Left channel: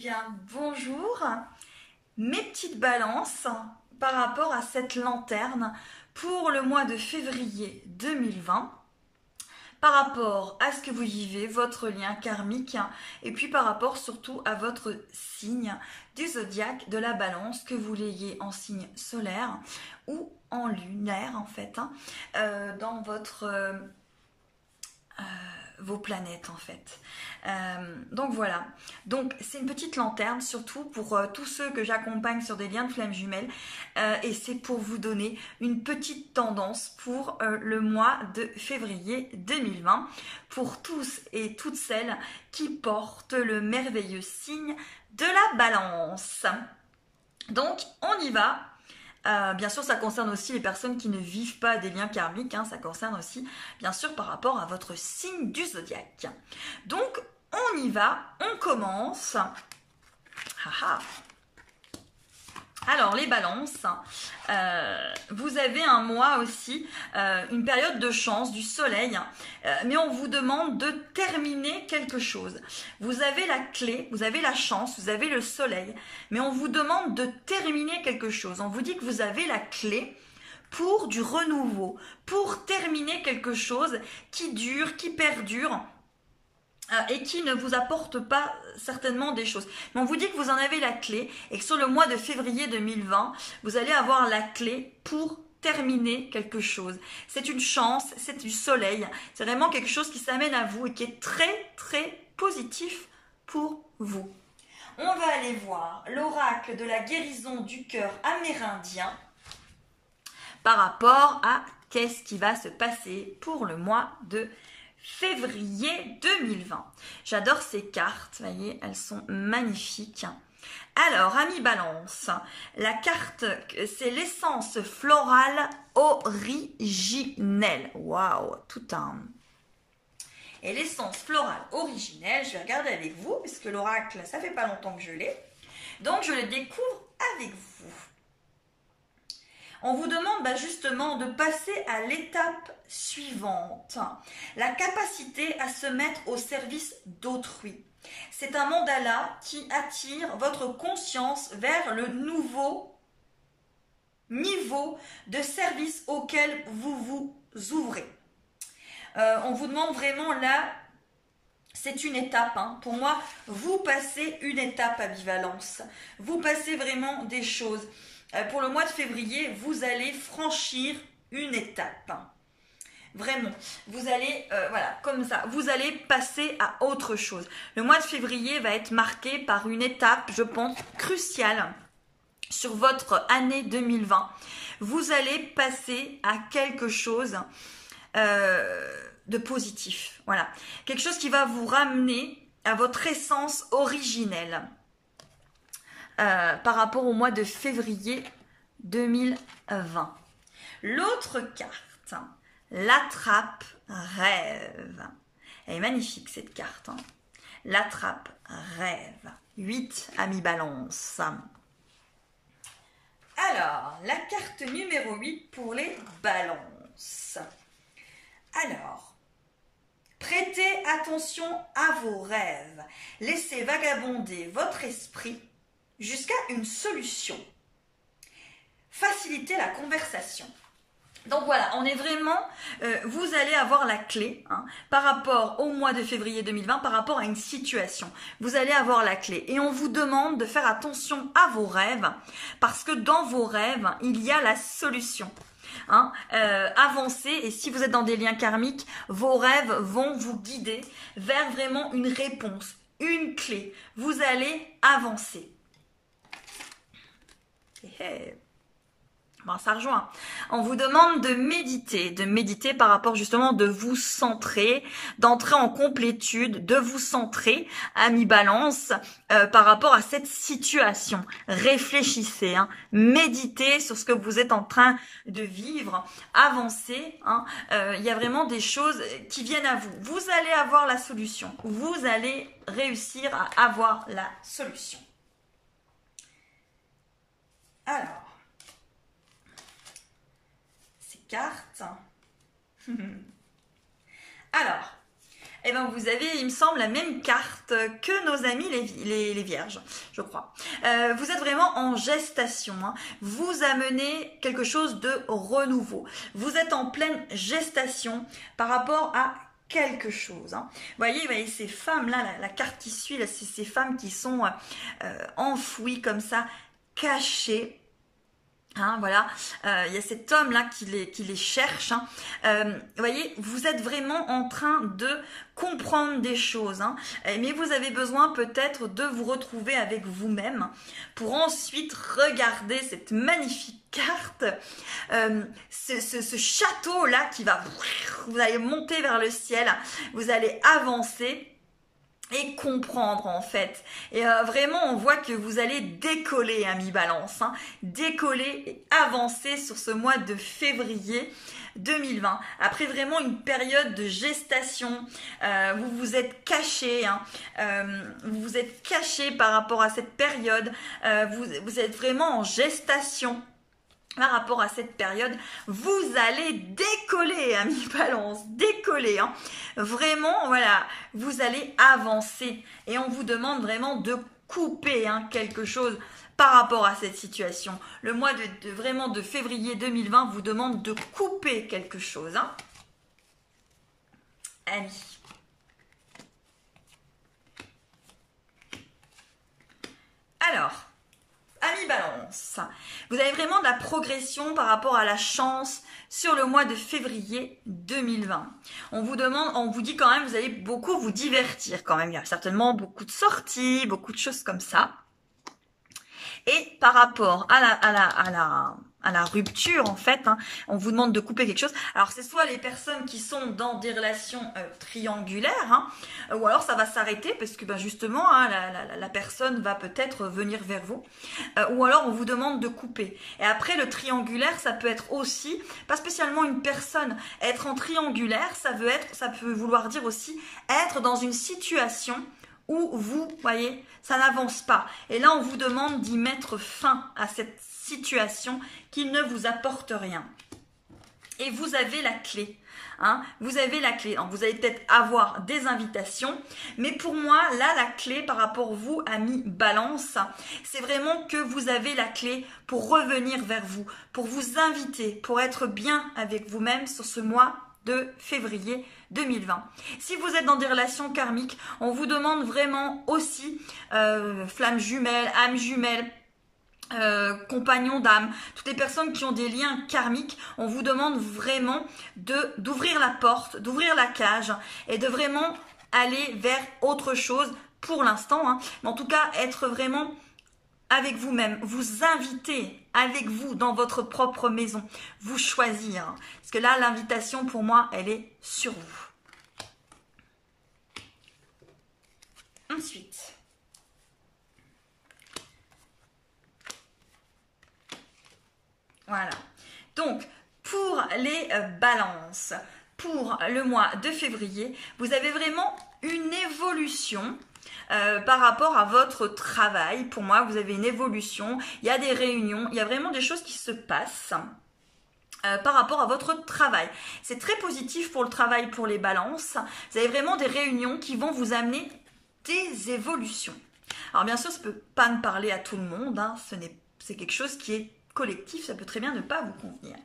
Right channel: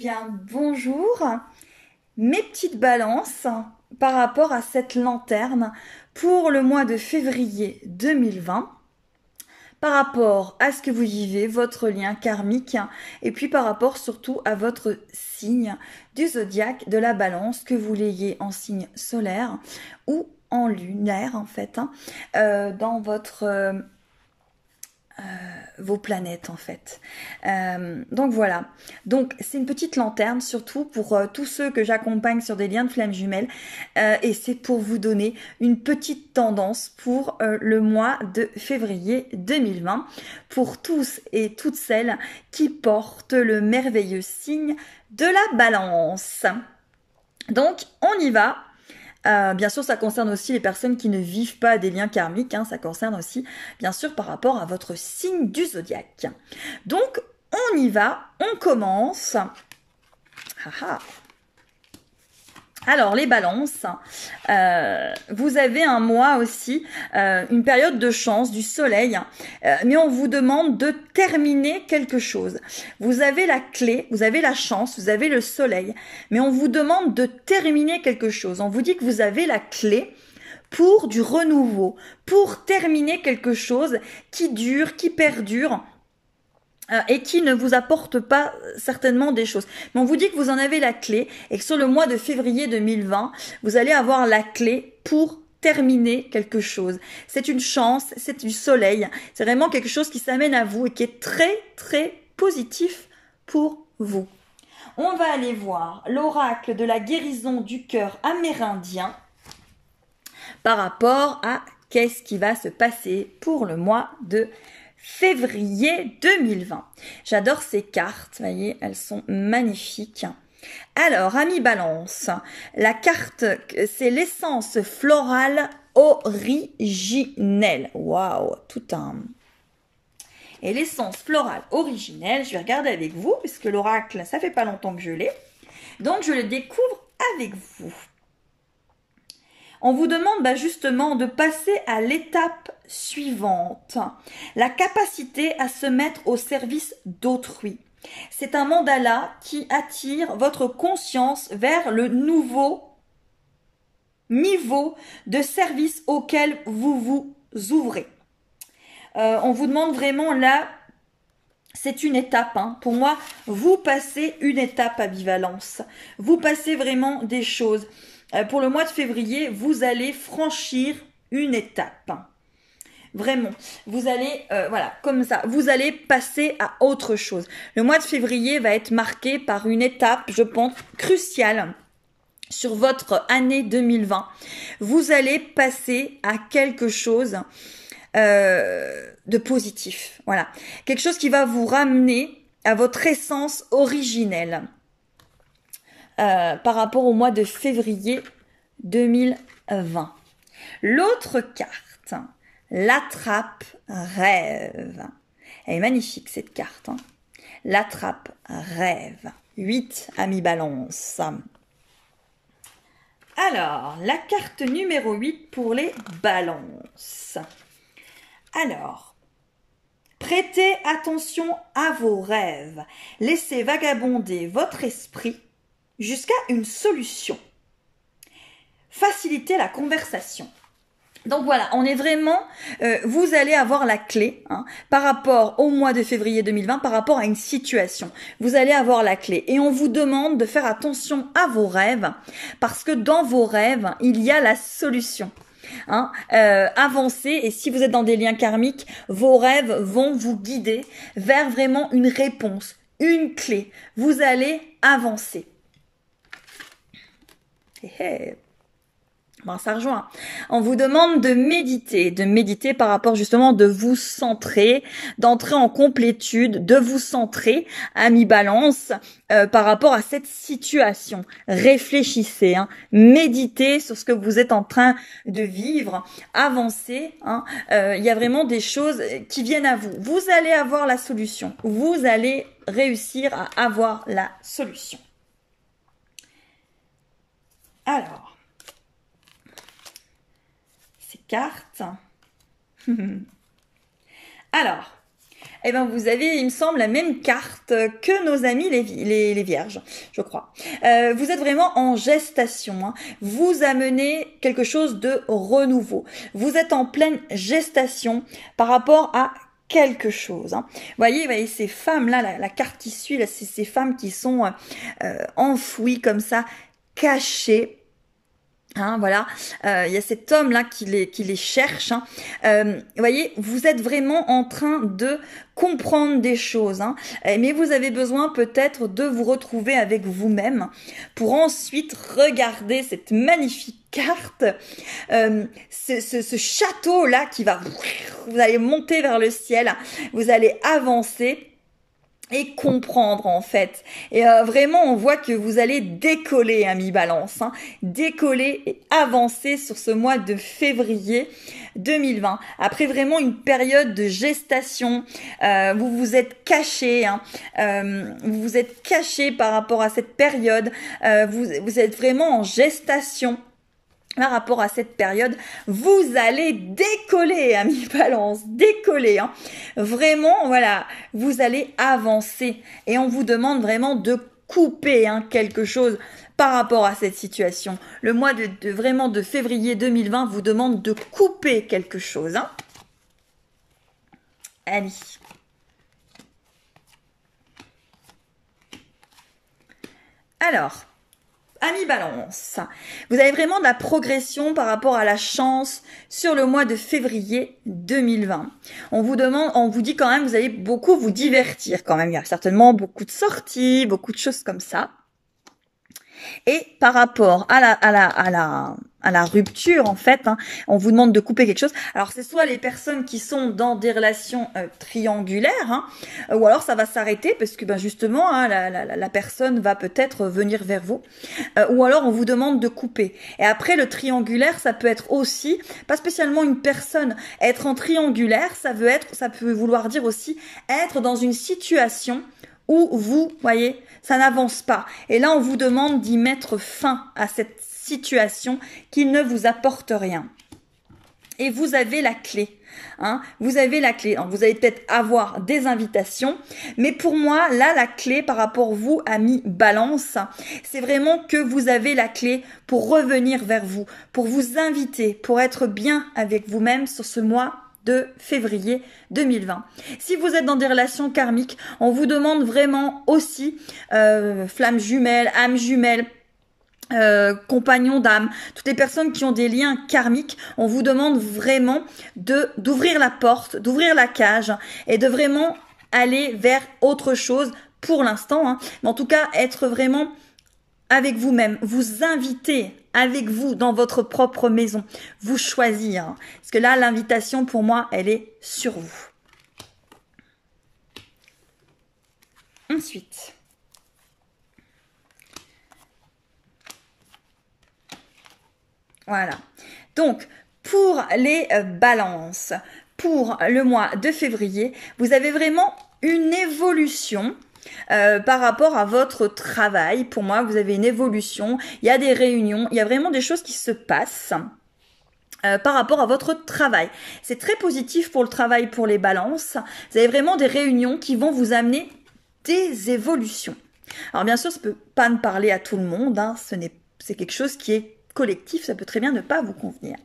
bien, bonjour. Mes petites balances par rapport à cette lanterne pour le mois de février 2020, par rapport à ce que vous vivez, votre lien karmique, et puis par rapport surtout à votre signe du zodiaque de la balance, que vous l'ayez en signe solaire ou en lunaire en fait, dans votre... vos planètes en fait. Donc voilà. Donc c'est une petite lanterne surtout pour tous ceux que j'accompagne sur des liens de flammes jumelles et c'est pour vous donner une petite tendance pour le mois de février 2020 pour tous et toutes celles qui portent le merveilleux signe de la balance. Donc on y va. Bien sûr, ça concerne aussi les personnes qui ne vivent pas des liens karmiques, ça concerne aussi, bien sûr, par rapport à votre signe du zodiaque. Donc, on y va, on commence. Alors, les balances, vous avez un mois aussi, une période de chance, du soleil, mais on vous demande de terminer quelque chose. Vous avez la clé, vous avez la chance, vous avez le soleil, mais on vous demande de terminer quelque chose. On vous dit que vous avez la clé pour du renouveau, pour terminer quelque chose qui dure, qui perdure, et qui ne vous apporte pas certainement des choses. Mais on vous dit que vous en avez la clé et que sur le mois de février 2020, vous allez avoir la clé pour terminer quelque chose. C'est une chance, c'est du soleil, c'est vraiment quelque chose qui s'amène à vous et qui est très très positif pour vous. On va aller voir l'oracle de la guérison du cœur amérindien par rapport à qu'est-ce qui va se passer pour le mois de février 2020. J'adore ces cartes, vous voyez, elles sont magnifiques. Alors, amis balance, la carte, c'est l'essence florale originelle. Waouh, tout un... Et l'essence florale originelle, je vais regarder avec vous, puisque l'oracle, ça fait pas longtemps que je l'ai. Donc, je le découvre avec vous. On vous demande justement de passer à l'étape suivante, la capacité à se mettre au service d'autrui. C'est un mandala qui attire votre conscience vers le nouveau niveau de service auquel vous vous ouvrez. On vous demande vraiment là, c'est une étape. Pour moi, vous passez une étape à Bivalence. Vous passez vraiment des choses. Pour le mois de février, vous allez franchir une étape. Vraiment, vous allez, voilà, comme ça, vous allez passer à autre chose. Le mois de février va être marqué par une étape, je pense, cruciale sur votre année 2020. Vous allez passer à quelque chose de positif. Voilà, quelque chose qui va vous ramener à votre essence originelle. Par rapport au mois de février 2020. L'autre carte, l'attrape rêve. Elle est magnifique cette carte. L'attrape rêve. 8, amis balance. Alors, la carte numéro 8 pour les balances. Alors, prêtez attention à vos rêves. Laissez vagabonder votre esprit jusqu'à une solution. Facilitez la conversation. Donc voilà, on est vraiment, vous allez avoir la clé par rapport au mois de février 2020, par rapport à une situation. Vous allez avoir la clé et on vous demande de faire attention à vos rêves parce que dans vos rêves, il y a la solution. Avancez et si vous êtes dans des liens karmiques, vos rêves vont vous guider vers vraiment une réponse, une clé. Vous allez avancer. Bon, ça rejoint. On vous demande de méditer par rapport justement de vous centrer, d'entrer en complétude, de vous centrer, amis balance, par rapport à cette situation. Réfléchissez, méditez sur ce que vous êtes en train de vivre, avancez. Il y a vraiment des choses qui viennent à vous. Vous allez avoir la solution. Vous allez réussir à avoir la solution. Alors, ces cartes. Alors, eh ben vous avez, il me semble, la même carte que nos amis les vierges, je crois. Vous êtes vraiment en gestation, hein. Vous amenez quelque chose de renouveau. Vous êtes en pleine gestation par rapport à quelque chose, hein. Voyez ces femmes-là, la carte qui suit, là, c'est ces femmes qui sont enfouies comme ça, cachées. Hein, voilà, il y a cet homme-là qui les cherche. Hein. Vous voyez, vous êtes vraiment en train de comprendre des choses, hein, mais vous avez besoin peut-être de vous retrouver avec vous-même pour ensuite regarder cette magnifique carte, ce château-là qui va, vous allez monter vers le ciel, vous allez avancer et comprendre en fait. Et vraiment on voit que vous allez décoller, ami Balance, hein, décoller et avancer sur ce mois de février 2020. Après vraiment une période de gestation, vous vous êtes caché, hein, vous vous êtes caché par rapport à cette période, vous êtes vraiment en gestation. Par rapport à cette période, vous allez décoller, amis Balance, décoller, hein. Vraiment, voilà, vous allez avancer et on vous demande vraiment de couper, hein, quelque chose par rapport à cette situation. Le mois vraiment de février 2020 vous demande de couper quelque chose, hein. Allez. Alors, amis Balance, vous avez vraiment de la progression par rapport à la chance sur le mois de février 2020. On vous dit quand même, vous allez beaucoup vous divertir quand même. Il y a certainement beaucoup de sorties, beaucoup de choses comme ça. Et par rapport à la rupture, en fait, hein, on vous demande de couper quelque chose. Alors, c'est soit les personnes qui sont dans des relations triangulaires, hein, ou alors ça va s'arrêter parce que, ben, justement, hein, la personne va peut-être venir vers vous. Ou alors, on vous demande de couper. Et après, le triangulaire, ça peut être aussi, pas spécialement une personne. Être en triangulaire, ça peut vouloir dire aussi être dans une situation où vous, voyez, ça n'avance pas. Et là, on vous demande d'y mettre fin à cette situation qui ne vous apporte rien. Et vous avez la clé. Hein, vous avez la clé. Alors, vous allez peut-être avoir des invitations, mais pour moi, là, la clé par rapport à vous, amis Balance, c'est vraiment que vous avez la clé pour revenir vers vous, pour vous inviter, pour être bien avec vous-même sur ce mois de février 2020. Si vous êtes dans des relations karmiques, on vous demande vraiment aussi flammes jumelles, âmes jumelles, compagnons d'âme, toutes les personnes qui ont des liens karmiques, on vous demande vraiment d'ouvrir la porte, d'ouvrir la cage et de vraiment aller vers autre chose pour l'instant, hein. Mais en tout cas, être vraiment avec vous-même, vous inviter avec vous dans votre propre maison, vous choisir. Hein. Parce que là, l'invitation pour moi, elle est sur vous. Ensuite, voilà. Donc, pour les balances, pour le mois de février, vous avez vraiment une évolution par rapport à votre travail. Pour moi, vous avez une évolution. Il y a des réunions, il y a vraiment des choses qui se passent par rapport à votre travail. C'est très positif pour le travail, pour les balances. Vous avez vraiment des réunions qui vont vous amener des évolutions. Alors bien sûr, ça ne peut pas ne parler à tout le monde, hein. C'est quelque chose qui est collectif, ça peut très bien ne pas vous convenir.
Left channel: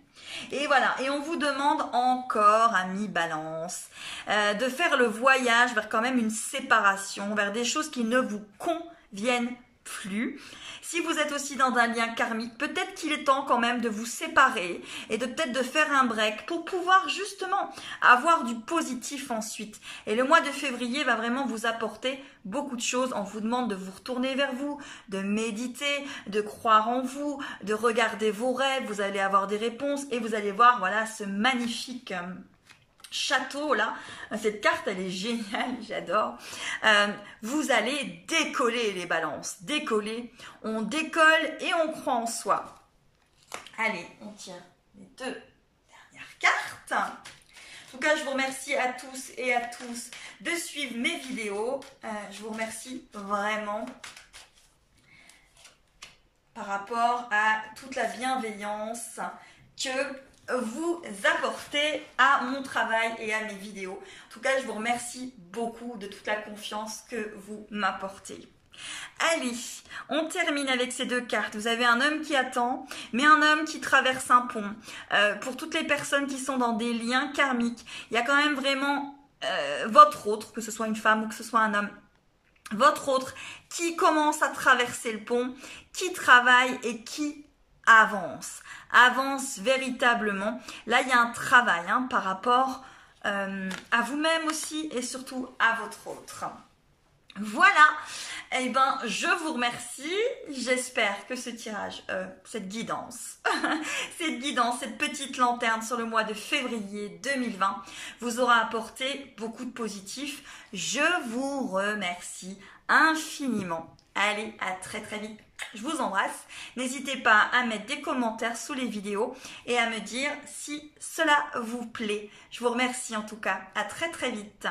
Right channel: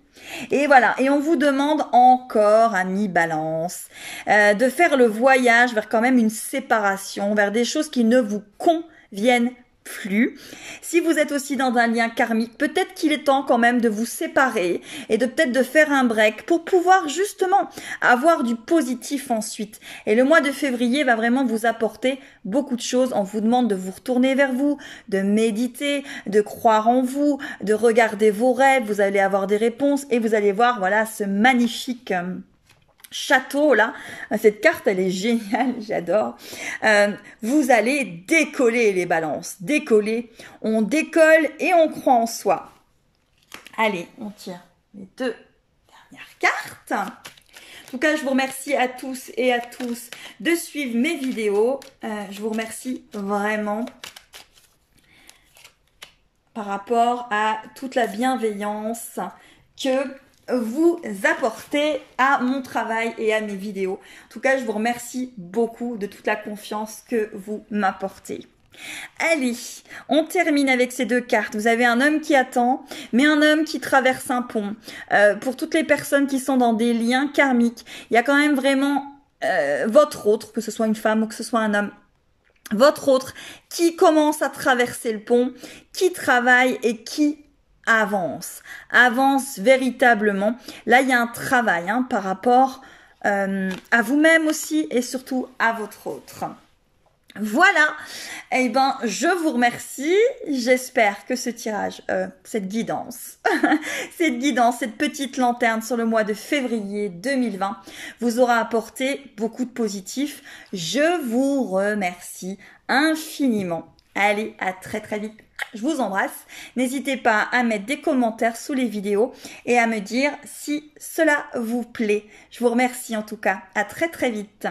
Et voilà, et on vous demande encore, amis Balance, de faire le voyage vers quand même une séparation, vers des choses qui ne vous conviennent plus. Si vous êtes aussi dans un lien karmique, peut-être qu'il est temps quand même de vous séparer et de peut-être de faire un break pour pouvoir justement avoir du positif ensuite. Et le mois de février va vraiment vous apporter beaucoup de choses. On vous demande de vous retourner vers vous, de méditer, de croire en vous, de regarder vos rêves. Vous allez avoir des réponses et vous allez voir, voilà, ce magnifique château là, cette carte elle est géniale, j'adore. Vous allez décoller les balances, décoller, on décolle et on croit en soi. Allez, on tire les deux dernières cartes. En tout cas, je vous remercie à tous et à tous de suivre mes vidéos. Je vous remercie vraiment par rapport à toute la bienveillance que vous apporter à mon travail et à mes vidéos. En tout cas, je vous remercie beaucoup de toute la confiance que vous m'apportez. Allez, on termine avec ces deux cartes. Vous avez un homme qui attend, mais un homme qui traverse un pont. Pour toutes les personnes qui sont dans des liens karmiques, il y a quand même vraiment votre autre, que ce soit une femme ou que ce soit un homme, votre autre qui commence à traverser le pont, qui travaille et qui avance véritablement. Là, il y a un travail par rapport à vous-même aussi et surtout à votre autre. Voilà, eh ben, je vous remercie. J'espère que ce tirage, cette guidance, cette petite lanterne sur le mois de février 2020 vous aura apporté beaucoup de positif. Je vous remercie infiniment. Allez, à très très vite. Je vous embrasse. N'hésitez pas à mettre des commentaires sous les vidéos et à me dire si cela vous plaît. Je vous remercie en tout cas. À très très vite.